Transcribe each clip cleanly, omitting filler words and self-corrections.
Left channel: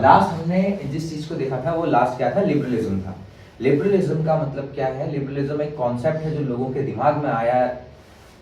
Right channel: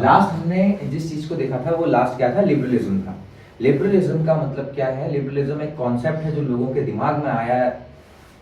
Last हमने जिस चीज को देखा था वो लास्ट क्या था, लिबरलिज्म था। लिबरलिज्म का मतलब क्या है? लिबरलिज्म एक कॉन्सेप्ट है जो लोगों के दिमाग में आया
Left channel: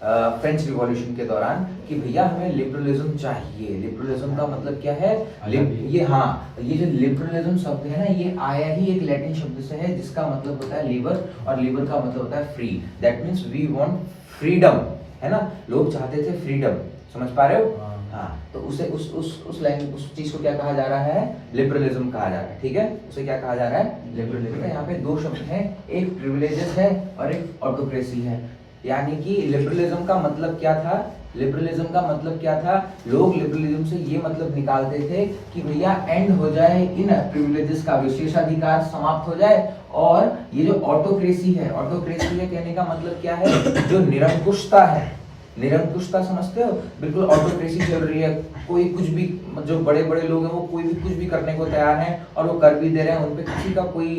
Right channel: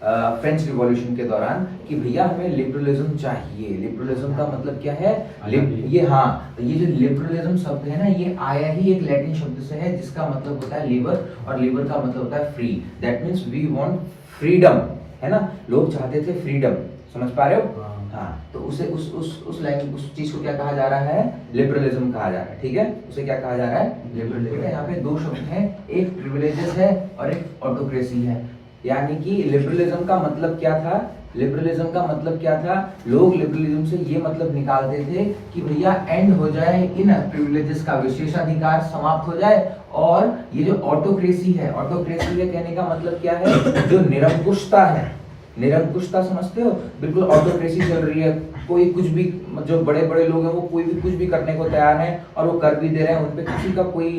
फ्रेंच रिवॉल्यूशन के दौरान कि भैया हमें लिबरलिज्म चाहिए। लिबरलिज्म का मतलब क्या है? ये जो लिबरलिज्म शब्द है ना, ये आया ही एक लैटिन शब्द से है जिसका मतलब होता है लिबर, और लिबर का मतलब होता है free. That means we want freedom, है ना। लोग चाहते थे फ्रीडम, समझ पा रहे हो? हाँ, तो उसे उस चीज को क्या कहा जा रहा है? लिबरलिज्म कहा जा रहा है, ठीक है। उसे क्या कहा जा रहा है? लिबरलिज्म। यहाँ पे दो शब्द हैं, एक प्रिविलेजेस है और एक ऑटोक्रेसी है। यानी कि लिबरलिज्म का मतलब क्या था? लिबरलिज्म का मतलब क्या था? लोग लिबरलिज्म से ये मतलब निकालते थे कि भैया एंड हो जाए इन प्रिविलेजेस का, विशेषाधिकार समाप्त हो जाए, और ये जो ऑटोक्रेसी है, ऑटोक्रेसी है कहने का मतलब क्या है? जो निरंकुशता है, निरंकुशता समझते हो? बिल्कुल ऑटोक्रेसी चल रही है, कोई कुछ भी, जो बड़े बड़े लोग हैं वो कोई भी कुछ भी करने को तैयार हैं और वो कर भी दे रहे हैं, उनपे किसी का कोई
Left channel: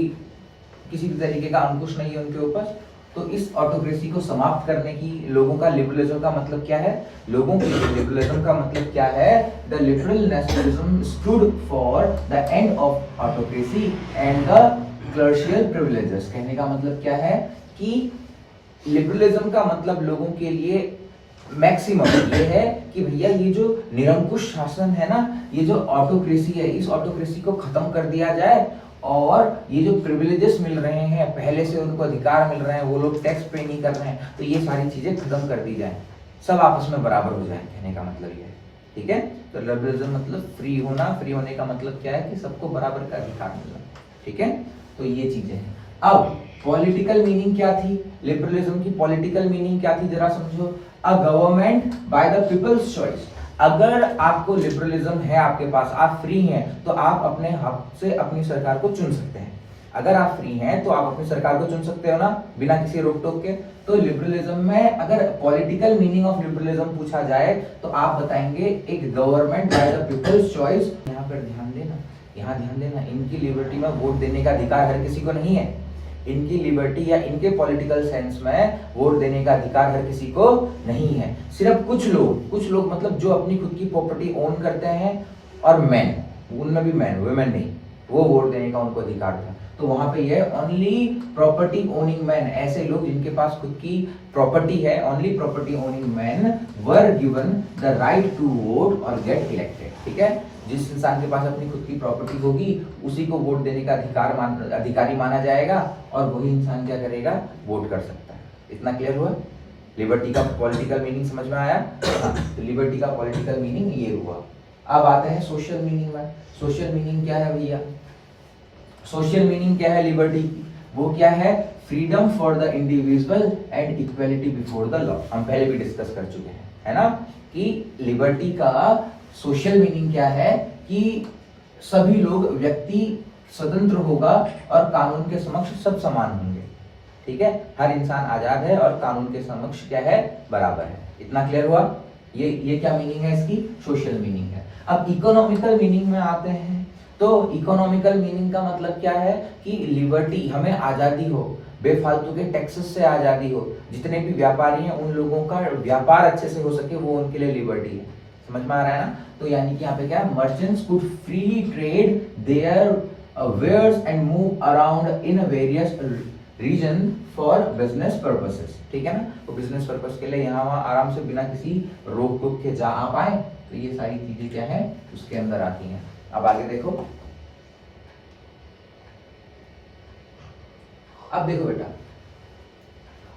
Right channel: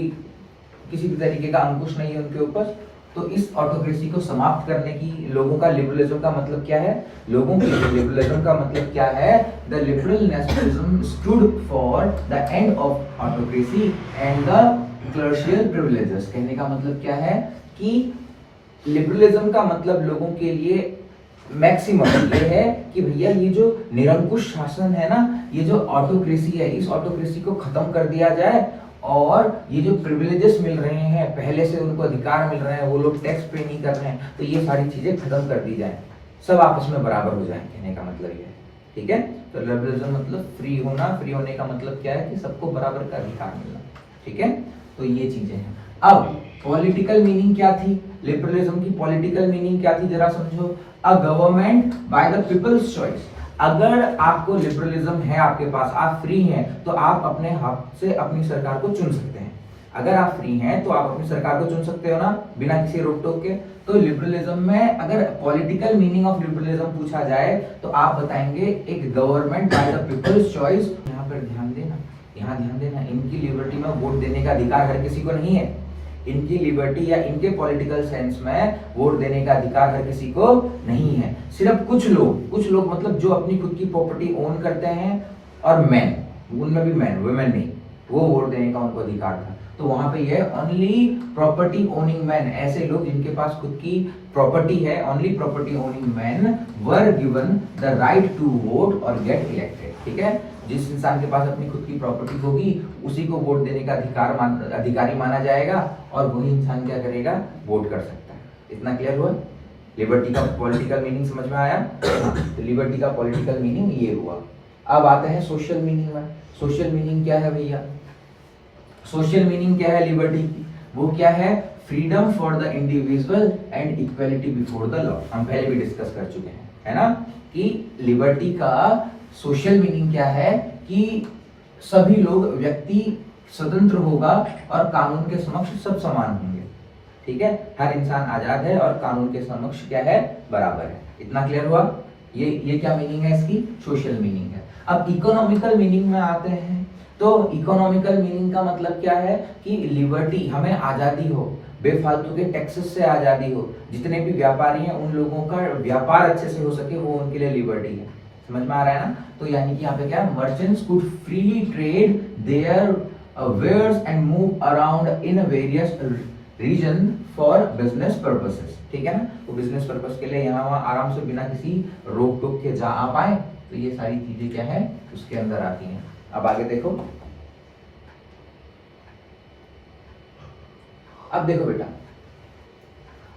किसी भी तरीके का अंकुश नहीं है उनके ऊपर। तो इस ऑटोक्रेसी को समाप्त करने की लोगों का लिबरलिज्म का मतलब क्या है? लोगों के लिए लिबरलिज्म का मतलब क्या है? The liberal nationalism stood for the end of autocracy and the clerical privileges. कहने का मतलब क्या है कि लिबरलिज्म का मतलब लोगों के लिए मैक्सिमम ये है कि भैया ये जो निरंकुश शासन है ना, ये जो ऑटोक्रेसी है, इस ऑटोक्रेसी को खत्म कर दिया जाए, और ये जो प्रिविलेजेस मिल रहे हैं, पहले से उनको अधिकार मिल रहे हैं, वो लोग टैक्स पे नहीं कर रहे हैं, तो ये सारी चीजें खत्म कर दी जाए, सब आपस में बराबर हो जाए। कहने का मतलब ये है, ठीक है। तो लिबरलिज्म मतलब फ्री होना, फ्री होने का मतलब क्या है कि सबको बराबर का अधिकार मिलना, ठीक है। तो ये चीजें हैं। अब पॉलिटिकल मीनिंग क्या थी? लिबरलिज्म की पॉलिटिकल मीनिंग क्या थी, जरा समझो। A government by the people's choice. अगर आपको लिबरलिज्म है, आपके पास, आप फ्री हैं, तो आप अपने हाथ से अपनी सरकार को चुन सकते हैं। अगर आप फ्री हैं तो आप अपनी सरकार को चुन सकते हो ना, बिना किसी रोक टोक के। तो लिबरलिज्म में अगर पॉलिटिकल मीनिंग ऑफ लिबरलिज्म पूछा जाए तो आप बताएंगे एक government by the people's choice. यहाँ पर ध्यान देना, यहाँ ध्यान देना, इनकी लिबर्टी में वोट देने का अधिकार हर किसी को नहीं है। इनकी लिबर्टी या इनके पॉलिटिकल सेंस में वोट देने का अधिकार हर किसी को नहीं है। सिर्फ कुछ लोग मतलब जो अपनी खुद की प्रॉपर्टी ओन करते हैं, और मैन, उनमें भी मैन, वुमेन नहीं, वो वोट देने का उनको अधिकार था। तो वहां पे ये ओनली प्रॉपर्टी ओनिंग मैन, ऐसे लोग जिनके पास खुद की प्रॉपर्टी है, only property owning man were given the right to vote और गेट इलेक्टेड, ठीक है। जिस इंसान के पास अपनी खुद की प्रॉपर्टी होगी उसी को वोट देने का अधिकारी माना जाएगा, और वही इंसान क्या करेगा? वोट कर सकता है। इतना क्लियर हुआ? लिबर्टी का पॉलिटिकल मीनिंग समझ में आया? तो लिबर्टी का पॉलिटिकल मीनिंग ये हुआ। अब आते हैं सोशल मीनिंग में। सोशल मीनिंग क्या है भैया? सोशल मीनिंग क्या है लिबर्टी की? वो क्या है? Freedom for the individual and equality before the law. हम पहले भी डिस्कस कर चुके हैं, है ना, कि लिबर्टी का सोशल मीनिंग क्या है कि सभी लोग, व्यक्ति स्वतंत्र होगा और कानून के समक्ष सब समान होंगे, ठीक है। हर इंसान आजाद है और कानून के समक्ष क्या है? बराबर है। इतना क्लियर हुआ? ये क्या मीनिंग है इसकी? सोशल मीनिंग है। अब इकोनॉमिकल मीनिंग में आते हैं। तो इकोनॉमिकल मीनिंग का मतलब क्या है कि लिबर्टी, हमें आजादी हो, बेफालतू के टैक्सेस से आजादी हो, जितने भी व्यापारी हैं उन लोगों का व्यापार अच्छे से हो सके, वो उनके लिए लिबर्टी है। समझ में आ रहा है ना? तो यानी कि यहाँ पे क्या है? Merchants could freely trade their wares and move around in various region for business purposes, ठीक है ना। तो बिजनेस पर्पस के लिए यहाँ वहाँ आराम से बिना किसी रोक टोक के जा आ पाए, तो ये सारी चीजें क्या है? उसके अंदर आती हैं। अब आगे देखो, अब देखो बेटा,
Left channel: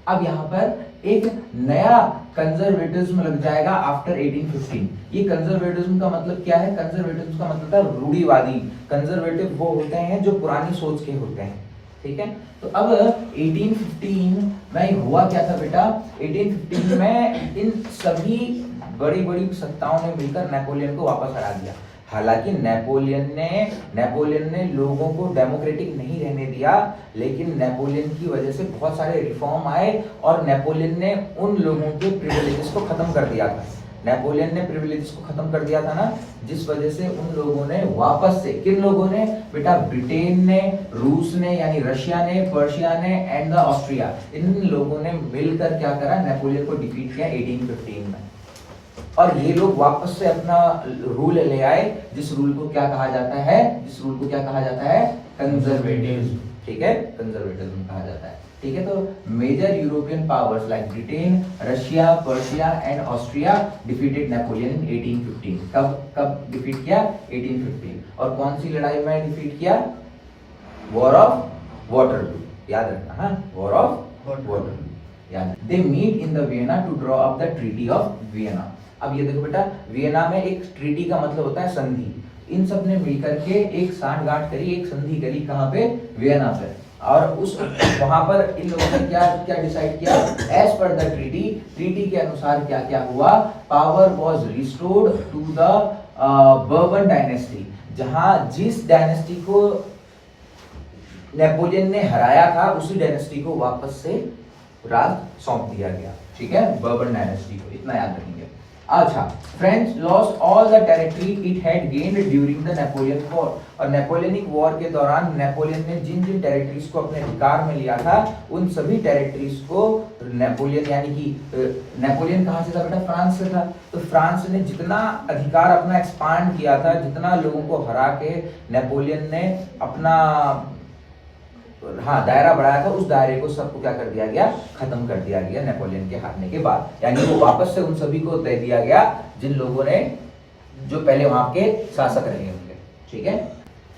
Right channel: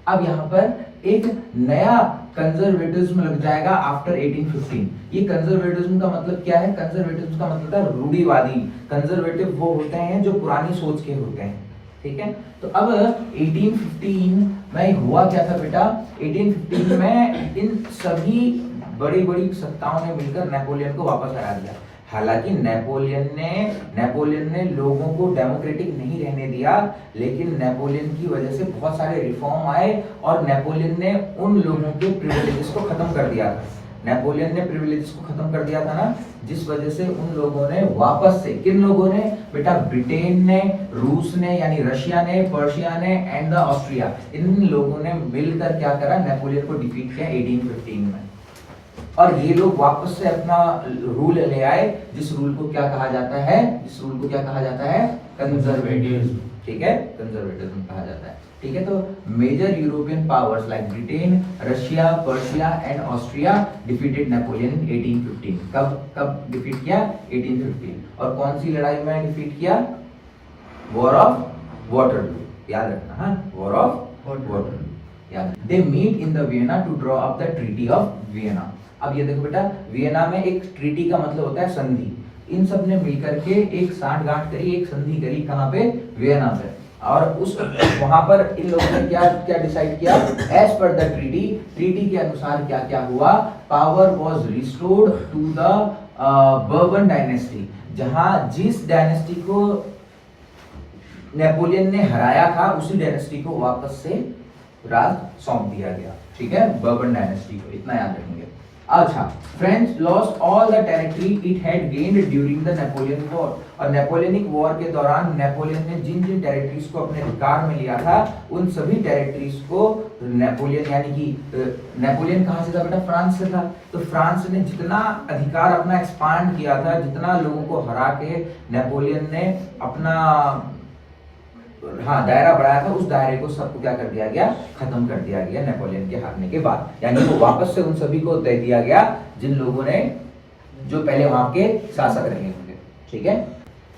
अब यहाँ पर एक नया कंजर्वेटिज्म लग जाएगा आफ्टर 1815। ये कंजर्वेटिज्म का मतलब क्या है? कंजर्वेटिज्म का मतलब है रूढ़िवादी। कंजर्वेटिव वो होते हैं जो पुरानी सोच के होते हैं, ठीक है। तो अब 1815 में हुआ क्या था बेटा? 1815 में इन सभी बड़ी बड़ी सत्ताओं ने मिलकर नेपोलियन को वापस हरा दिया। हालांकि नेपोलियन ने लोगों को डेमोक्रेटिक नहीं रहने दिया, लेकिन नेपोलियन की वजह से बहुत सारे रिफॉर्म आए और नेपोलियन ने उन लोगों के प्रिविलेजेस को खत्म कर दिया था। नेपोलियन ने प्रिविलेजेस को खत्म कर दिया था ना, जिस वजह से उन लोगों ने वापस से, किन लोगों ने बेटा? ब्रिटेन ने, रूस ने यानी रशिया ने, पर्शिया ने एंड द ऑस्ट्रिया, इन लोगों ने मिलकर क्या करा? नेपोलियन को डिफीट किया 1815 में। और ये लोग वापस से अपना रूल ले आए, जिस रूल को क्या कहा जाता है, जिस रूल को क्या कहा जाता है, कंजर्वेटिज्म। ठीक है, कंजर्वेटिज्म कहा जाता है। ठीक है, तो major European powers like Britain, Russia, Persia and Austria defeated Napoleon in 1815। कब डिफीट किया? 1815। और कौन सी लड़ाई में डिफीट किया? वॉर ऑफ वाटरलू, याद रखना। हाँ, वॉर ऑफ वाटरलू याद। They meet in the Vienna to draw up the treaty of Vienna. अब ये देखो बेटा, वियना में एक ट्रीटी का मतलब होता है संधि। इन सब ने मिलकर के एक साठगांठ करी, एक संधि करी, कहाँ पे? वियना पे। और उस वहां पर इन लोगों ने क्या क्या डिसाइड किया? एज पर द ट्रीटी के अनुसार क्या क्या हुआ? Power was restored to the Bourbon dynasty. जहां जिस डायनेस्टी को नेपोलियन ने हराया था, उसी डायनेस्टी को वापस से राज सौंप दिया गया। ठीक है, बर्बन डायनेस्टी को, इतना याद रखेंगे। अच्छा, French lost all the territory it had gained during the Napoleon war. और नेपोलियनिक वॉर के दौरान नेपोलियन ने जिन जिन टेरिटरीज को अपने अधिकार में लिया था, उन सभी टेरिटरीज को नेपोलियन, यानी कि नेपोलियन कहां से था बेटा? फ्रांस से था। तो फ्रांस ने जितना अधिकार अपना एक्सपांड किया था, जितना लोगों को हरा के नेपोलियन ने अपना दायरा बढ़ाया था, उस दायरे को सबको क्या कर दिया गया? खत्म कर दिया गया नेपोलियन के हारने के बाद। यानी वो वापस से उन सभी को दे दिया गया जिन लोगों ने, जो पहले वहां के शासक रहे होंगे। ठीक है,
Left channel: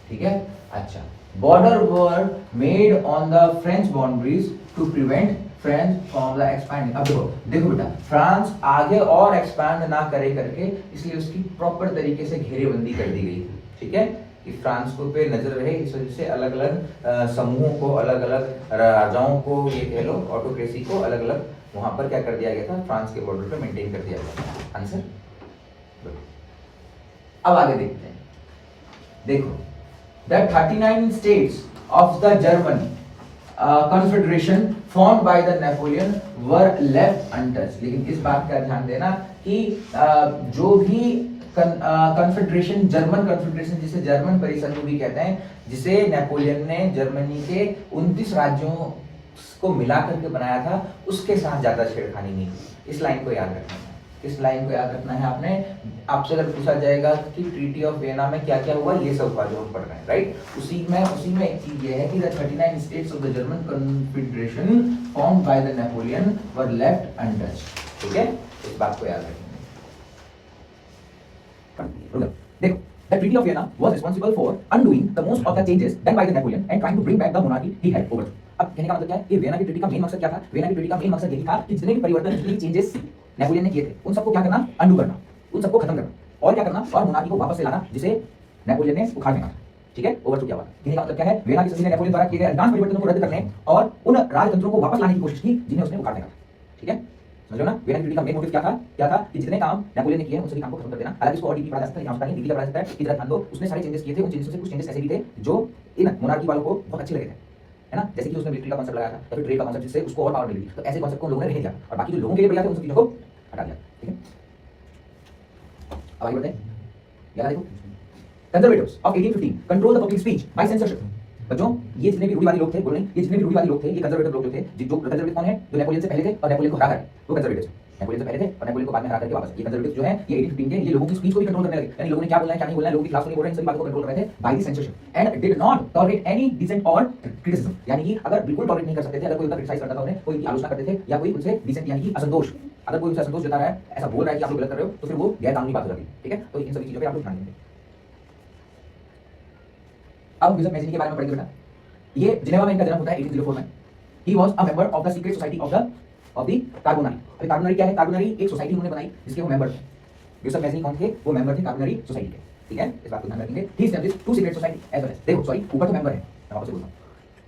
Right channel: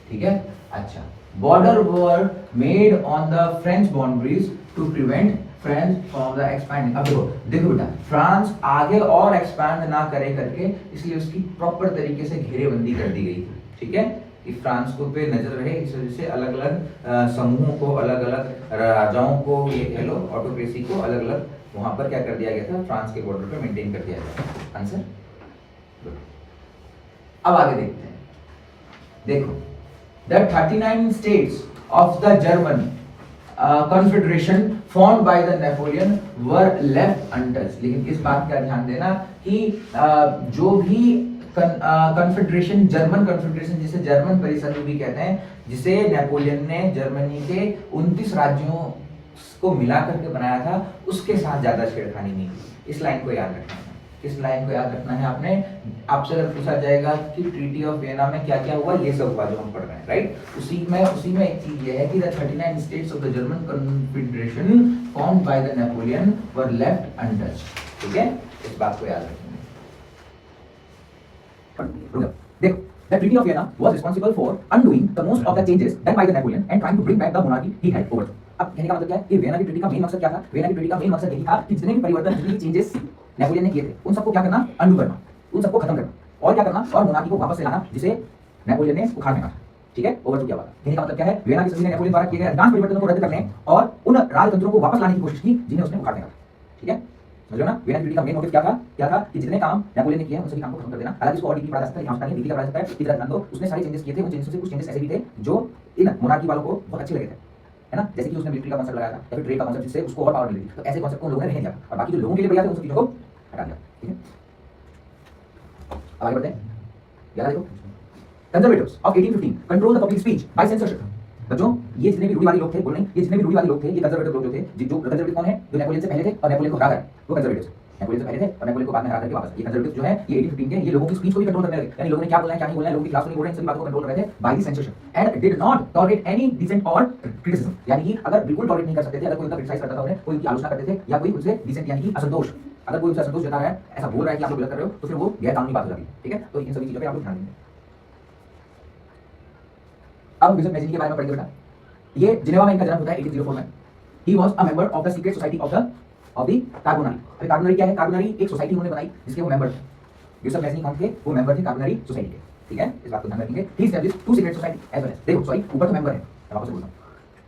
ठीक है। अच्छा, border were made on the French boundaries to prevent France from the expanding. अब देखो बेटा, फ्रांस आगे और एक्सपैंड ना करे करके, इसलिए उसकी प्रॉपर तरीके से घेरेबंदी कर दी गई थी। ठीक है, कि फ्रांस को पे नजर रहे, इस वजह से अलग अलग समूहों को, अलग अलग राजाओं को, ये कह लो ऑटोक्रेसी को अलग अलग वहां पर क्या कर दिया गया था? फ्रांस के बॉर्डर पे मेंटेन कर दिया गया। आंसर। अब आगे देखते हैं। देखो, the 39 states of the German confederation formed by the Napoleon were left untouched. लेकिन इस बात का ध्यान देना कि जो भी कॉन्फेडरेशन, जर्मन कॉन्फेडरेशन, जिसे जर्मन परिसंघ भी कहते हैं, जिसे नेपोलियन ने जर्मनी के 29 राज्यों को मिला करके बनाया था, उसके साथ ज्यादा छेड़खानी नहीं की। इस लाइन को याद रखना है। इस लाइन को याद रखना है आपने। आपसे अगर पूछा जाएगा कि ट्रीटी ऑफ वियना में क्या क्या हुआ, ये सब हुआ जो हम पढ़ रहे हैं, राइट? उसी में एक चीज ये है कि the 39 states of the German confederation formed by the Napoleon were left untouched. ठीक है, इस बात को याद रखेंगे। देखो, the Treaty of Vienna was responsible for undoing the most of the changes done by the Napoleon and trying to bring back the monarchy he had overthrown। अब कहने का मतलब क्या है कि वियना की ट्रीटी का मेन मकसद क्या था? वियना की ट्रीटी का मेन मकसद यही था कि जितने भी परिवर्तन, जितने भी चेंजेस नेपोलियन ने किए थे, उन सबको क्या करना? अंडू करना, उन सबको खत्म करना, और क्या करना? और मोनार्की को वापस से लाना, जिसे नेपोलियन ने उखाड़ फेंका। ठीक है, ओवरथ्रो किया हुआ। कहने का मतलब क्या है? वियना की संधि ने नेपोलियन द्वारा किए गए अधिकांश परिवर्तनों को रद्द करने और उन राजतंत्रों को वापस लाने की कोशिश की जिन्हें उसने उखाड़ फेंका। ठीक है, समझ लो ना? वियना की ट्रीटी का मेन मोटिव क्या था? कि जितने काम नेपोलियन ने किए हैं, उन सभी काम को खत्म कर देना। हालांकि इसको और डीपली पढ़ा जा सकता है, आवश्यकता नहीं, डीपली पढ़ा जा सकता है। इधर ध्यान दो, उसने सारे चेंजेस किए थे, उन चेंजेस से कुछ चेंजेस ऐसे भी थे जो इन मोनार्की वालों को बहुत अच्छे लगे थे, है ना? जैसे कि उसने मिलिट्री का कांसेप्ट लगाया था, या फिर ट्रेड का कांसेप्ट, जिससे उसको और पावर मिली थी। तो ऐसे कांसेप्ट को लोगों ने रहने दिया, और बाकी जो लोगों के लिए बढ़िया थे, उन सब चीजों को हटा दिया। ठीक है, आगे बढ़ते हैं। याद देखो, conservatives of 1815 control the public speech bye censorship. बच्चों, ये जितने भी रूढ़िवादी लोग थे, बोल नहीं, ये जितने भी रूढ़िवादी लोग थे, ये कंजर्वेटिव लोग जो थे, जो कंजर्वेटिव कौन है? जो नेपोलियन से पहले थे और नेपोलियन को हरा कर, वो कंजर्वेटिव्स। नेपोलियन से पहले थे और नेपोलियन को बाद में हरा करके वापस। ये कंजर्वेटिव जो है, ये 1815 के, ये लोगों की स्पीच को भी कंट्रोल करने लगे। यानी लोगों ने क्या बोलना है, क्या नहीं बोलना है, लोगों की क्लास को नहीं बोल रहे, इन सभी बातों को कंट्रोल कर रहे थे by the censorship and did not tolerate any dissent और क्रिटिसिज्म। यानी कि अगर बिल्कुल टॉलरेट नहीं कर सकते थे, अगर कोई उनका क्रिटिसाइज करता था, उन्हें कोई उनकी आलोचना करते थे, या कोई उनसे डिसेंट यानी कि असंतोष, अगर कोई उनसे असंतोष जता रहा है, ऐसा बोल रहा है कि आप लोग गलत कर रहे हो, तो फिर वो गैर कानूनी बात हो जाती है। ठीक है, तो इन सभी चीजों पे आप लोग ध्यान देंगे। अब बिशप मैजिनी के बारे में पढ़ेंगे बेटा। ये जिनेवा में इनका जन्म होता है 1804 में। ही was a member of the secret society of the Carbonari. अभी कार्बोनारी क्या है? कार्बोनारी एक सोसाइटी उन्होंने बनाई जिसके वो मेंबर थे। बिशप मैजिनी कौन थे? वो मेंबर थे कार्बोनारी सोसाइटी के। ठीक है, इस बात को ध्यान रखेंगे। He established two secret society as well as, देखो सॉरी, ऊपर तो मेंबर है, मैं वापस बोल रहा हूं।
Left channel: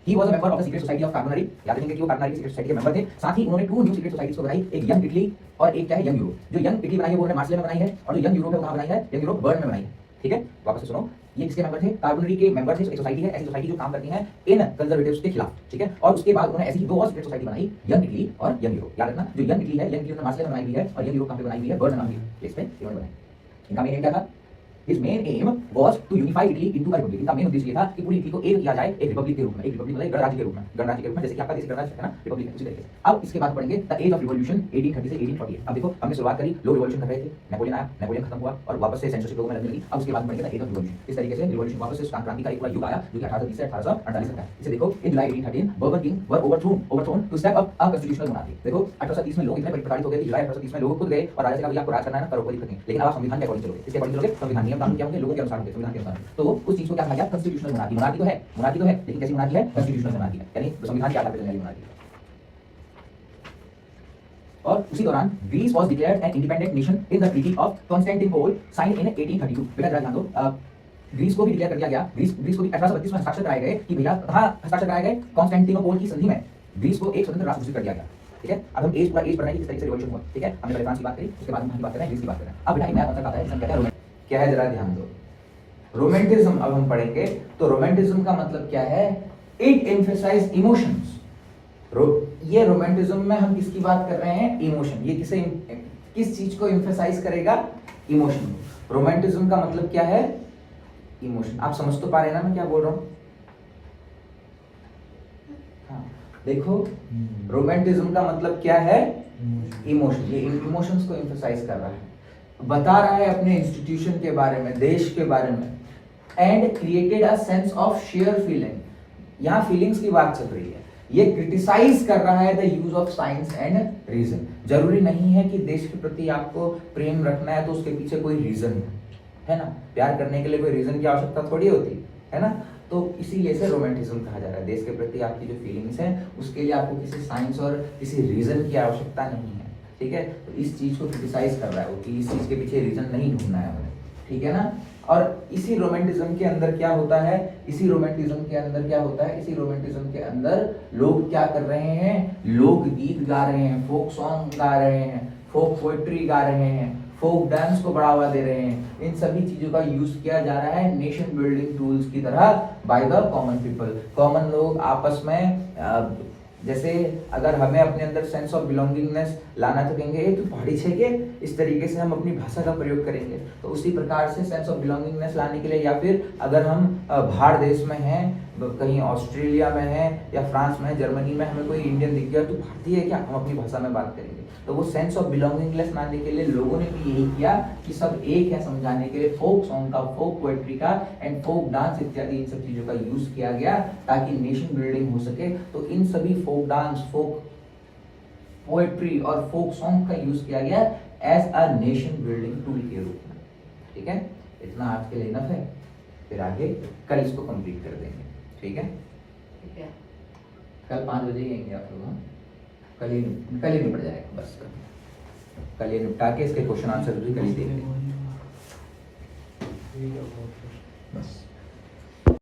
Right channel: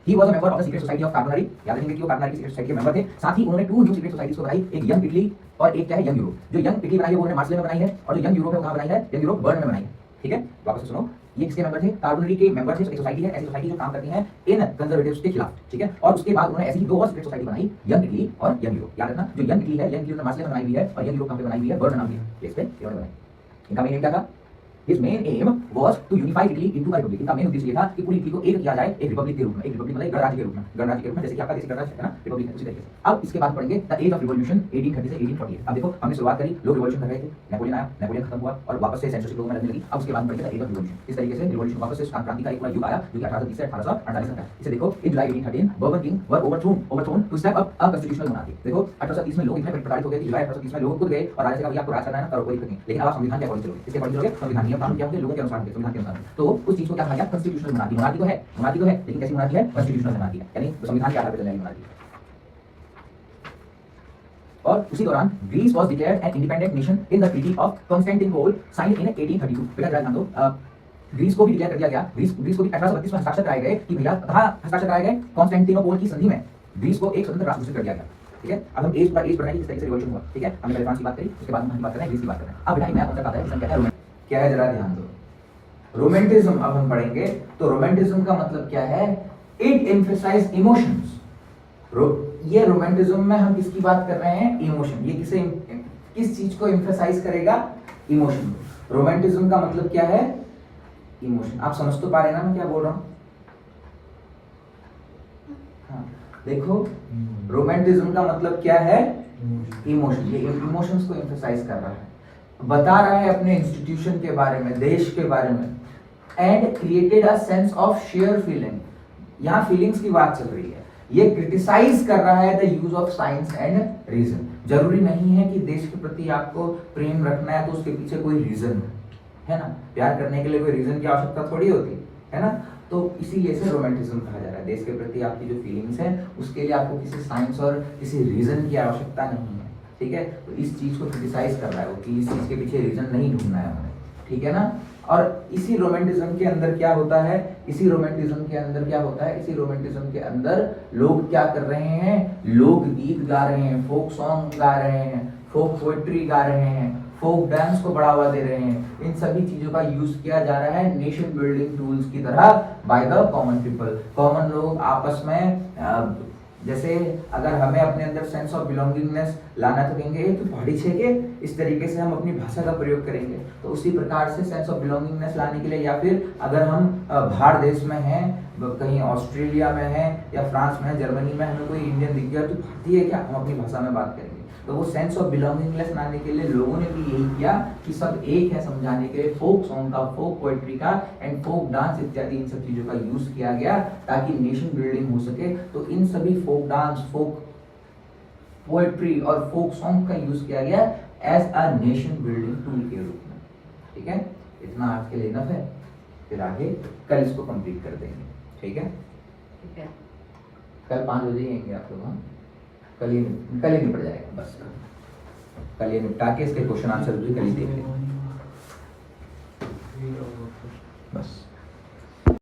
He was a member of the secret society of Carbonari. याद रखेंगे कि वो कार्बोनारी की सीक्रेट सोसाइटी के मेंबर थे। साथ ही उन्होंने 2 न्यू सीक्रेट सोसाइटीज को बनाई, एक यंग इटली और एक क्या है? Young Europe. जो यंग इटली बनाई है वो उन्होंने मार्सेले में बनाई है, और जो यंग यूरोप है वो कहां बनाई है? यंग यूरोप बर्न में बनाई है। ठीक है, वापस से सुनो, ये किसके मेंबर थे? कार्बोनरी के मेंबर थे। एक सोसाइटी है, ऐसी सोसाइटी जो काम करती है इन कंजर्वेटिव्स के खिलाफ। ठीक है, और उसके बाद उन्होंने ऐसी ही 2 और सीक्रेट सोसाइटी बनाई, यंग इटली और यंग यूरोप। याद रखना, जो यंग इटली है, यंग इटली ने मार्सेले में बनाई हुई है, और यंग यूरोप कहां पे बनाई हुई है? बर्न नाम की प्लेस पे इन्होंने बनाई। इनका मेन एम क्या था? His main aim was to unify Italy into a republic. इनका मेन उद्देश्य ये था कि पूरी इटली को एक किया जाए एक रिपब्लिक के रूप में, एक रिपब्लिक मतलब एक गणराज्य के रूप में, गणराज्य के रूप में, जैसे कि आपका देश गणराज्य है ना, रिपब्लिक है उसी तरीके से। अब इसके बाद पढ़ेंगे द एज ऑफ रिवॉल्यूशन 1830 से 1848। अब देखो हमने शुरुआत करी, लोग रिवॉल्यूशन कर रहे थे, नेपोलियन आया, नेपोलियन खत्म हुआ और वापस से सेंसरशिप लोगों में लगने लगी। अब उसके बाद पढ़ेंगे द एज ऑफ रिवॉल्यूशन। इस तरीके से रिवॉल्यूशन वापस से क्रांति का एक पूरा युग आया जो कि 1830 से 1848 तक है। इसे देखो in July 1813 Bourbon king were overthrown to step up a constitutional monarchy. देखो 1830 में लोग इतने प्रताड़ित हो गए कि जुलाई 1830 में लोग खुद गए और राजा से कहा भैया आपको राज करना है ना, करो, कोई दिक्कत नहीं, लेकिन अब आप संविधान के अकॉर्डिंग चलोगे। इसके अकॉर्डिंग चलोगे, संविधान नियम कानून क्या होंगे, लोगों के अनुसार होंगे, संविधान के अनुसार। तो उस चीज को क्या कहा गया, कॉन्स्टिट्यूशनल मोनार्की। मोनार्की तो है लेकिन कैसी मोनार्की है, कॉन्स्टिट्यूशनल मोनार्की है, यानी संविधान के आधार पर चलने वाली मोनार्की। और उसी दौरान Greece was declared an independent nation in the treaty of Constantinople signed in 1832। बेटा जरा ध्यान दो, ग्रीस को भी डिक्लेयर कर दिया गया, ग्रीस को भी 1832 में हस्ताक्षर कराए गए कि भैया कहां हस्ताक्षर कराए गए, कॉन्स्टेंटिनोपल की संधि में ग्रीस को एक स्वतंत्र राष्ट्र घोषित कर दिया गया। ठीक है, अब हम एज पढ़ रहे हैं किस तरीके से रिवॉल्यूशन हुआ। ठीक है, हमने पहले फ्रांस की बात करी, उसके बाद हम बात कर रहे हैं ग्रीस की बात कर रहे हैं। अब बेटा एक नया कॉन्सेप्ट आता है जिसे कहते हैं रोमांटिक। क्या है जरा ध्यान दो, रोमांटिज्म अब हम पढ़ेंगे। तो रोमांटिज्म का मतलब क्या है, इट एम्फसाइज इमोशंस। ये रोमांटिज्म में हम किसकी बात कर रहे हैं, इमोशन। ये किस चीज को एम्फसाइज करेगा, इमोशन। रोमांटिज्म का मतलब क्या है, इमोशन। आप समझ तो पा रहे ना मैं क्या बोल रहा हूं। हाँ, देखो रोमांटिज्म का मतलब क्या है, इमोशन। ये इमोशंस को एम्फसाइज कर रहा है, बता रहा है अपने इंस्टीट्यूशन के बारे में, देश के बारे में। And created a sense of share feeling, यहां फीलिंग्स की बात चल रही है। ये क्रिटिसाइज कर रहा है the use of science and reason. जरूरी नहीं है कि देश के प्रति आपको प्रेम रखना है तो उसके पीछे कोई रीजन हो, है ना। प्यार करने के लिए कोई रीजन की आवश्यकता थोड़ी होती है ना। तो इसीलिए इसे रोमांटिज्म कहा जा रहा है। देश के प्रति आपकी जो फीलिंग्स हैं उसके लिए आपको किसी साइंस और किसी रीजन की आवश्यकता नहीं है। ठीक है, तो इस चीज को क्रिटिसाइज कर रहा है वो कि इस चीज के पीछे रीजन नहीं ढूंढना है हमें। ठीक है ना। और इसी रोमांटिज्म के अंदर क्या होता है, इसी रोमांटिज्म के अंदर लोग क्या कर रहे हैं, लोक गीत गा रहे हैं, फोक सॉन्ग गा रहे हैं, फोक पोएट्री गा रहे हैं, फोक डांस को बढ़ावा दे रहे हैं। इन सभी चीजों का यूज किया जा रहा है नेशन बिल्डिंग टूल्स की तरह by the common people. Common लोग आपस में जैसे अगर हमें अपने अंदर सेंस ऑफ बिलोंगिंगनेस लाना तो कहेंगे तो पहाड़ी छेके, इस तरीके से हम अपनी भाषा का प्रयोग करेंगे। तो उसी प्रकार से सेंस ऑफ बिलोंगिंगनेस लाने के लिए, या फिर अगर हम बाहर देश में हैं, कहीं ऑस्ट्रेलिया में है या फ्रांस में है, जर्मनी में, हमें कोई इंडियन दिख गया तो भारतीय है क्या, हम अपनी भाषा में बात करेंगे। तो वो सेंस ऑफ बिलोंगिंगनेस लाने के लिए लोगों ने भी यही किया कि सब एक है समझाने के लिए फोक सॉन्ग का, फोक पोएट्री का एंड फोक डांस इत्यादि इन सब चीजों का यूज किया गया ताकि नेशन बिल्डिंग हो सके। तो इन सभी फोक डांस, फोक पोएट्री और फोक सॉन्ग का यूज किया गया as a nation building tool के रूप में। ठीक है, इतना आज के लिए इनफ है, फिर आगे कल इसको कंप्लीट कर देंगे। ठीक है, कल 5 बजे आएंगे आप लोग। कल ही निपट जाएगा, बस कल ये निपटा के इसके क्वेश्चन आंसर भी कल ही देंगे बस।